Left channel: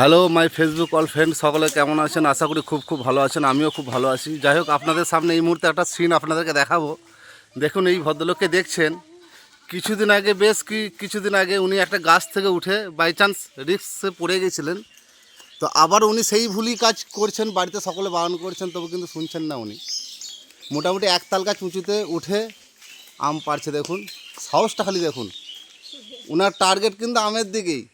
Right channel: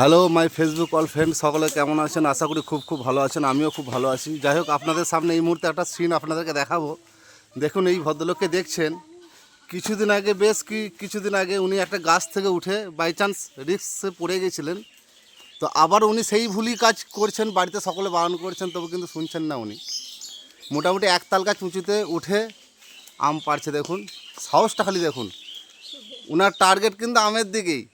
Hello my Facebook all friend, সকলে কেমন আছেন? আশা করি খুব ভালো আছেন। আমিও খুব ভালো আছি। যাই হোক, আপনাদের সামনে এই মুহূর্তে একটা সিন আপনাদেরকে দেখাবো। দেখুন, এই ভদ্রলোককে দেখছেন, কিছুদিন আগে উনি একটা গাছ থেকে উঠে বাই চান্স রিস্কে পড়ে গেছিলেন। তো আবার উনি সেই ভুলই কাজ করছেন, বাড়িতে সকলে বারণ করছেন, তবু কিন্তু শুনছেন না। উনি মোটামুটি একতাল গাছ উঁচুতে উঠে আম পাড়ছে। দেখুন সাহসটা খালি দেখুন, উনার টার্গেট কিন্তু আমের দিকেই।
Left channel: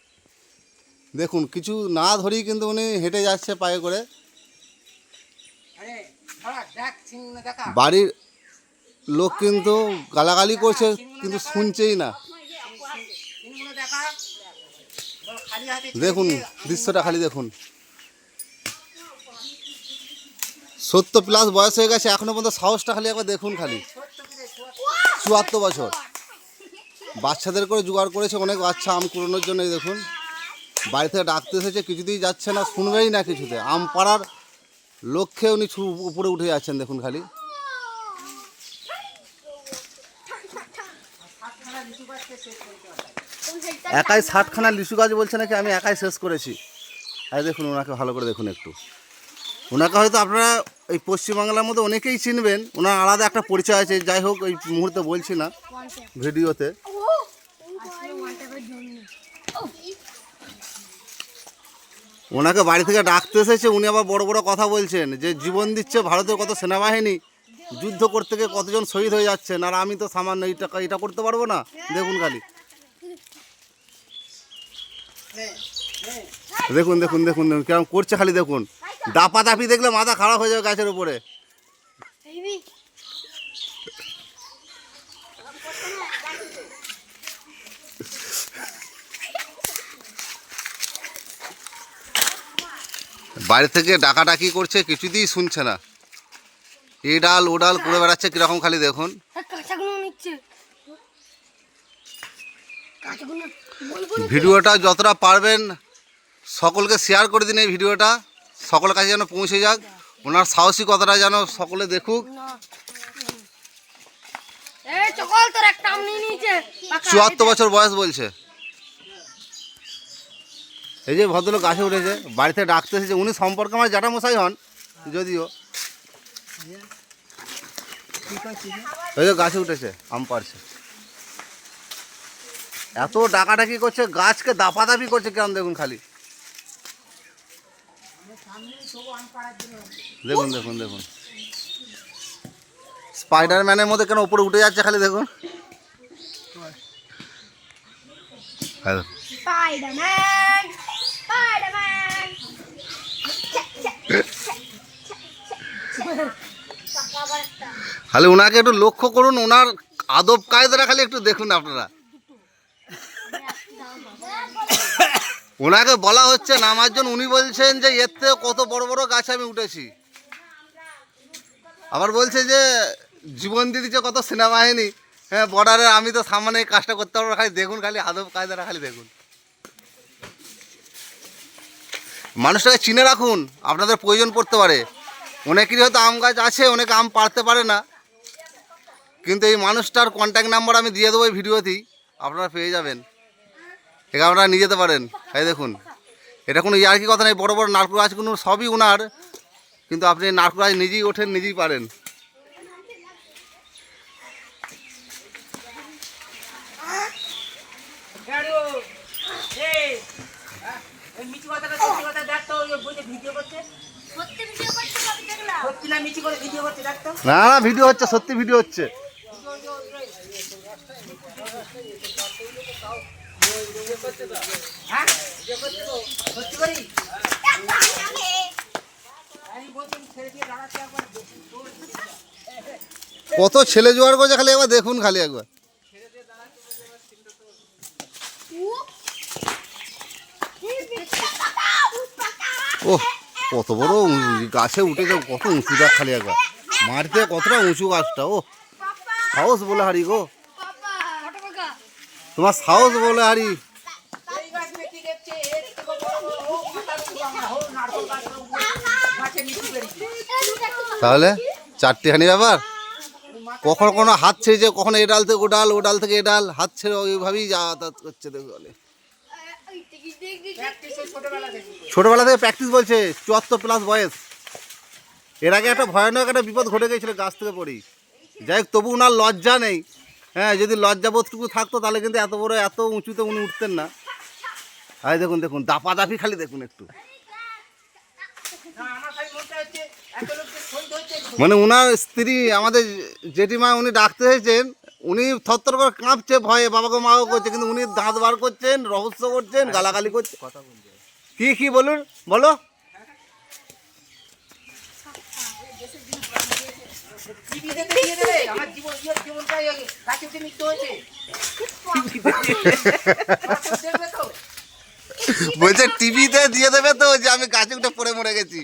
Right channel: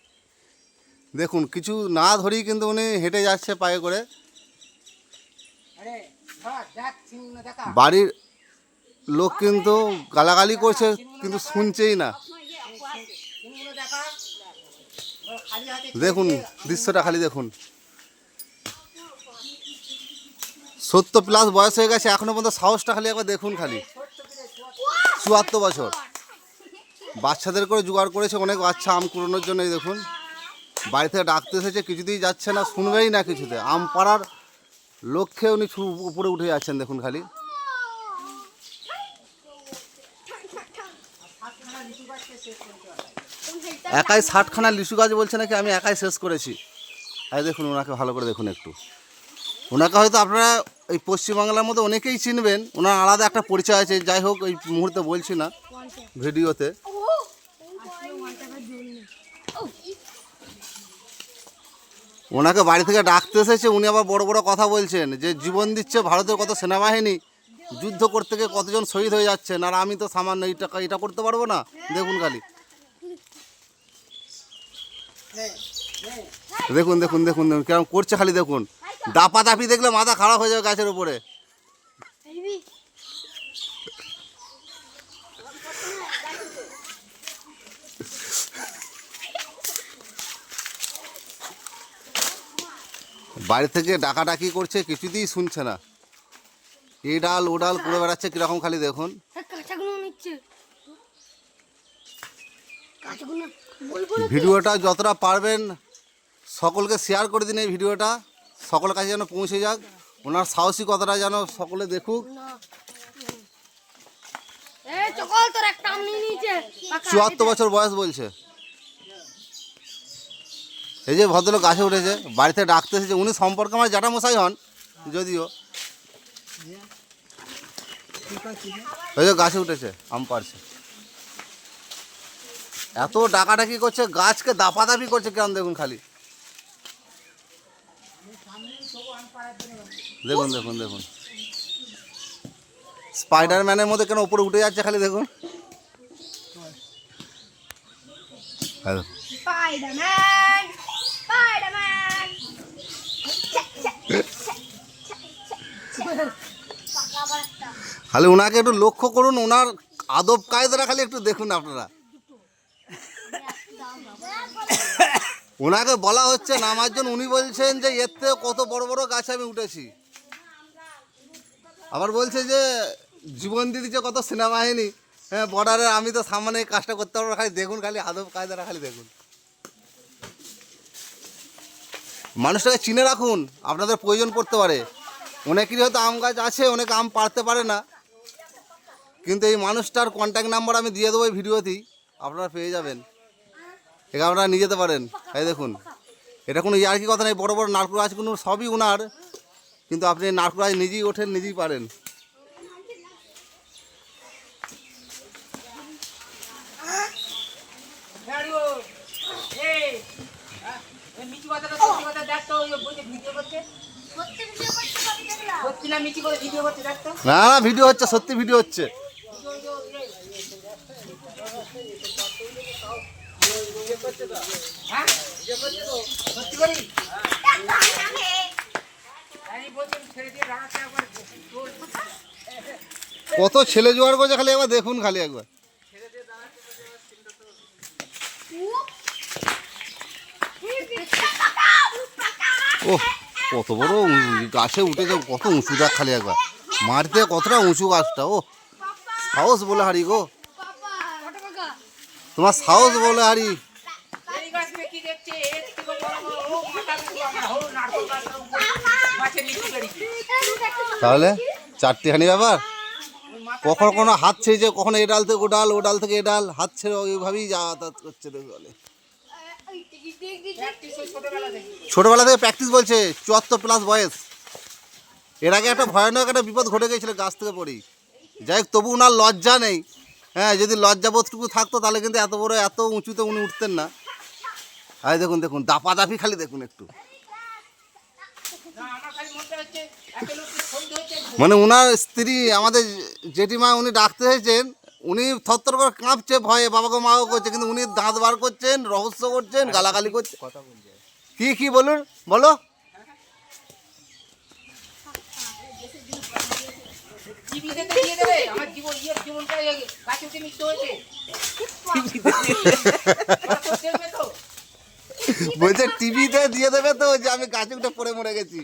দেখুন, কিছু না ধরেই কিন্তু উনি হেঁটে যাচ্ছে পায়ে করে। বাড়ির লোক কিন্তু গালাগালি করছে, কিন্তু শুনছেই না। দেখুন দৃশ্যটা খালি দেখুন, 70+ বয়স হয়ে গেছে, এখনো পর্যন্ত সাহসটা খালি একবার দেখুন। খালি 74 বছর, বাচ্চাদের করে জোগাড় করেছে, অনেক বাচ্চা আম কুড়োনোর জন্য। দেখুন, বাড়ি থেকে ডাকতে এসেছে, কিছুতেই যাচ্ছে না, শুনবেই না কিছুতে। আম পাড়ার লক্ষ্যে উনি উপরে উঠে যাচ্ছেন। দেখুন খালি একাই 60খানা লিচু গাছ বলছে নাকি আমি একাই শেষ করেছি। আর দেখুন ওনাকে ভালো করে দেখুন একটু। ওনাকে হয়তো আপনারা এই পশ্চিমবাংলার মধ্যে অনেকেই চিনবেন, ওনার আলাদা একটা পরিচয় আছে। যাই হোক, এই মুহূর্তে বলছি না, ভিডিওতে। ওনাকে বাড়ি থেকে ডাকতে এসেছে, উনি আবার বড় বড় কথা বলছেন যে জীবন দিচ্ছে ভারতের কত সেনাবাহিনী, যুদ্ধ করতে গিয়ে কতজন শহীদ হয়ে যাচ্ছেন, আর আমি তো সামান্য এটা করতে পারবো না। দেখুন খালি দেখুন দেখুন দেখুন দেখুন কেমন করছে খালি দেখুন। দাপাদাপি দেখলে মাথা খারাপ হয়ে যাবে গাছের উপরে। বাড়ি থেকে ডাকাডাকি করছে, কিছুতেই শুনছে না। এ ডাল ও ডাল করে বেড়াচ্ছে কিরকম খালি দেখুন। ভিডিওটা যতটা পারবেন সকলকে শেয়ার করে দিন। এই ভিডিওটা সকলের কাছে যেন পৌঁছে যাক, ওনার সাহসিকতাটা যেন সকলে দেখুক। 74 বছর বয়স বলছে। এই যে ভদ্রলোক গাছে উঠেছে, বাড়িতে ডাকতে এসেছে। উনি সম্পর্কে আমার জ্যাঠামশাই হন যদিও। এই যে গাছে উঠেছে, আম পাড়ছে, এত ডাকাডাকি করছে, গাছকে দাপাদাপি করছে কেমন দেখুন খালি। দেখুন দেখুন দেখুন, স্পাইডারম্যানের মধ্যে কেন উপরে উঠে যাচ্ছে খালি দেখুন। খালি ওনাকে একটু লক্ষ্য করুন, ওনার আদব কায়দাটা খালি একটু দেখুন আপনারা। ওনাকে বলা হচ্ছে নামার জন্য, উনি বলছেন যে এর থেকে কত বড় বড় গাছে আমি উঠেছি। আবার বলছে যে জীবন দিয়ে দিচ্ছে কত সেনাবাহিনী, হ্যাঁ বর্ডারে, আমি তো সামনে এই কাজটা করতে পারবো। খালি দেখুন, খালি আদব কায়দাটা খালি দেখুন। মানুষটাকে চিনে রাখুন, আপনাদের প্রয়োজন পড়তে পারে। অনেকেরই হয়তো আম গাছ আছে, অনেকে আম পাড়তে পারে না, কিন্তু এই মানুষটার কন্ট্যাক্ট নাম্বার আমি দিয়ে দেবো এই ভিডিওতেই, আপনারা পেয়ে যাবেন। এখানে আপনারা নিয়ে যেতে পারেন। এই দেখুন, এটা কোনো ইয়ার্কি কথা নেই। বড় বড় নারকেল গাছগুলো সবই ওনার, কিন্তু আপনি নারকেল গাছ নিজেই ওঠেন, নিজেই পারেন। না না, ভিডিও হচ্ছে, সত্যি ভিডিও হচ্ছে। কত ছেলে জোয়ার করছে খালি একবার দেখুন, খালি একবার। ও কত বড় গাছে উঠেছে, কত উঁচু গাছ খালি একবার। মাটিতে কতটা উঁচু গাছটা। ও সাহস বলে হারি গো, তোমার সাহস বলে হারি। তাহলে চারটিখানি ব্যাপার। কখনো কোনো হাত ছেড়েছে, কখনো এ ডাল থেকে ও ডাল, ও ডাল থেকে এ ডাল, হাত ছেড়ে ওইভাবেই যাতায়াত করছে। দেখলে ছোটবেলা থেকে প্র্যাকটিস বলছে 74+ বয়স। এর আগে একটা ভয়ানক একটা বিপদ ঘটে গেছিল গাছ থেকে পড়েই। যাই হোক, তবু ওনার লজ্জা নেই। হ্যাঁ, যদি লজ্জাবোধটুকু থাকতো তাহলে কিন্তু এত বড় এত উঁচুতে উনি উঠতেন না। আর দেখুন দেখুন দাপাদাপি খালি দেখুন একটু, মানে ওনার স্ত্রী আমাদের জেঠিমা উনি ডাকতে হয়েছেন, উনি থরথর করে কাঁপছে ভয়ে, বাবাকে মাও করছে, কিন্তু উনি দাঁত বার করছেন, রহস্য করছেন, গালাগালি করছেন। কি বলুন, বলো। বলছে টিভিতে দিয়ে দেবে তো যে আমি গাছে উঠে পড়ে মরে গেছি।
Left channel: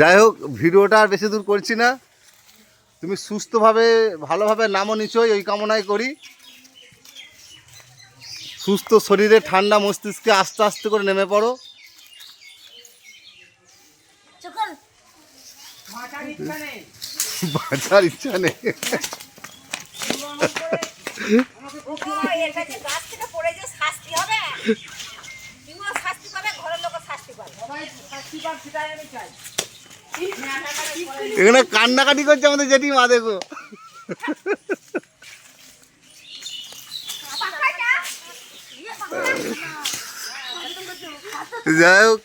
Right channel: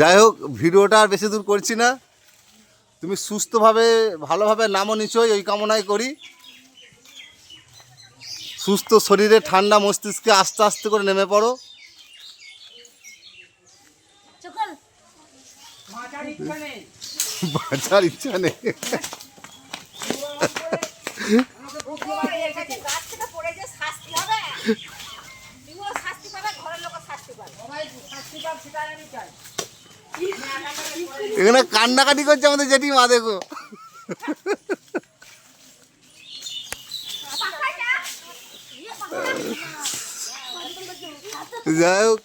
যাই হোক, ভিডিওটা আর বেশি দূর করছি না। তুমি সুস্থভাবে ভালোভাবে নামো নিশ্চয়ই, ওই কামনাই করি। সুস্থ শরীরে ঠান্ডা মস্তিষ্কে আস্তে আস্তে করে নেমে পড়ো। বাঁচার ইচ্ছা নেই। এখানে কান্নাকাটি করছে আমাদের জেঠিমা, দেখো। যাই হোক,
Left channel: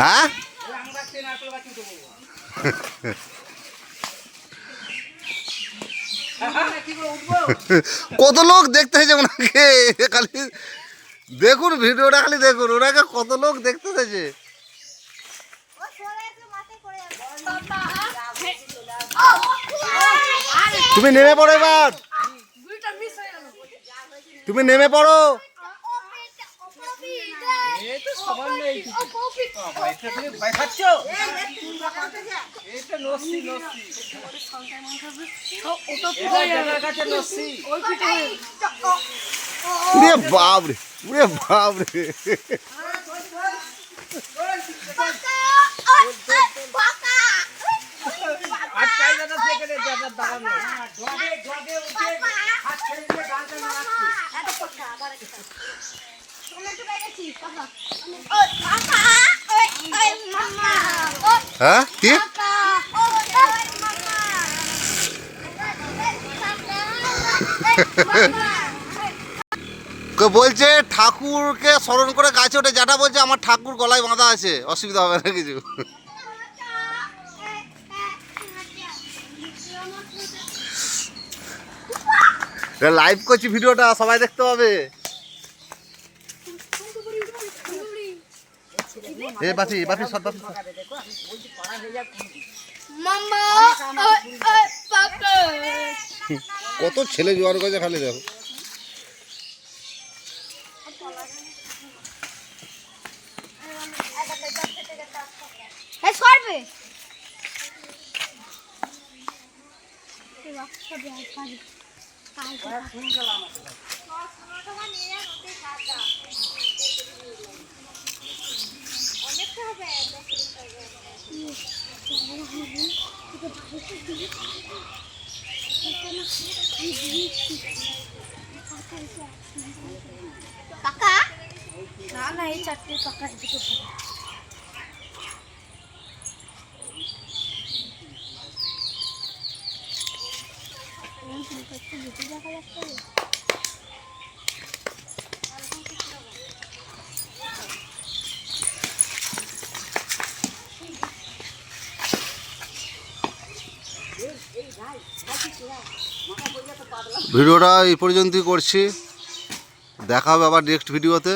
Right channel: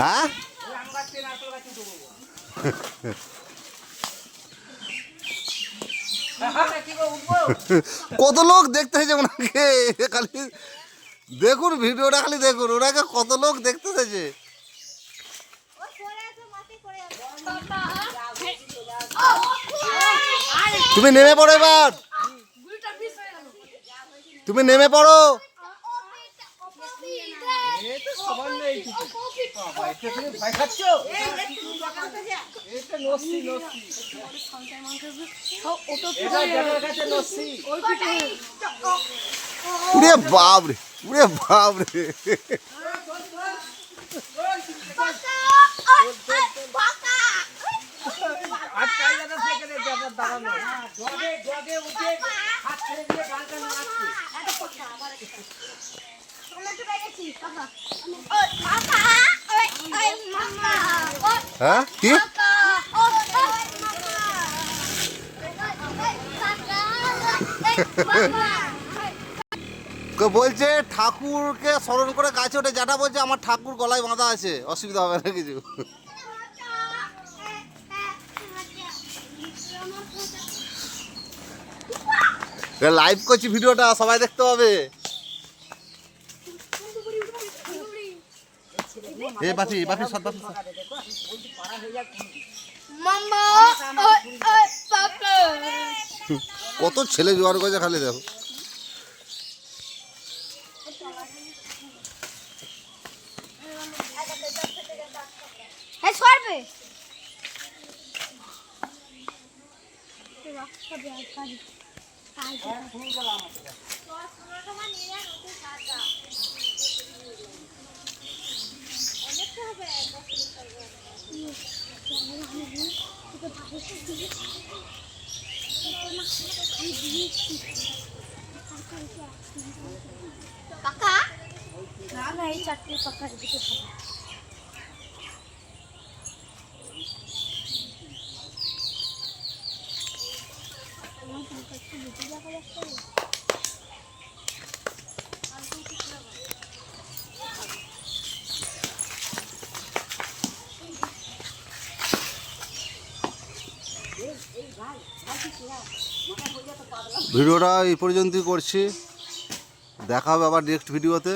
হ্যাঁ কত লোক দেখতে হয়েছে ওনাকে, খালি দেখুন ভিডিওটা, খালি দেখুন ওনাকে কত লোক দেখতে হয়েছে। তুমি নেমে পড়ো এবার, তুমি নেমে পড়ো। উড়ে বাপরে, উড়ে বাপরে। হ্যাঁ কি বলছে, ঠাকুরকে স্মরণ করে গাছে ওঠে, যেটা বলছে আমার ঠাকুর গলায় বাঁধা আছে, অসুবিধা হবে না কিছু। লাইভ করছি ভিডিওটা, সবাই দেখতে পাবে। কত ছেলে জোয়ার করেছে খালি দেখো। ভিডিওটা এই পর্যন্তই করছি, দেখা হবে আবার নেক্সট ভিডিওতে।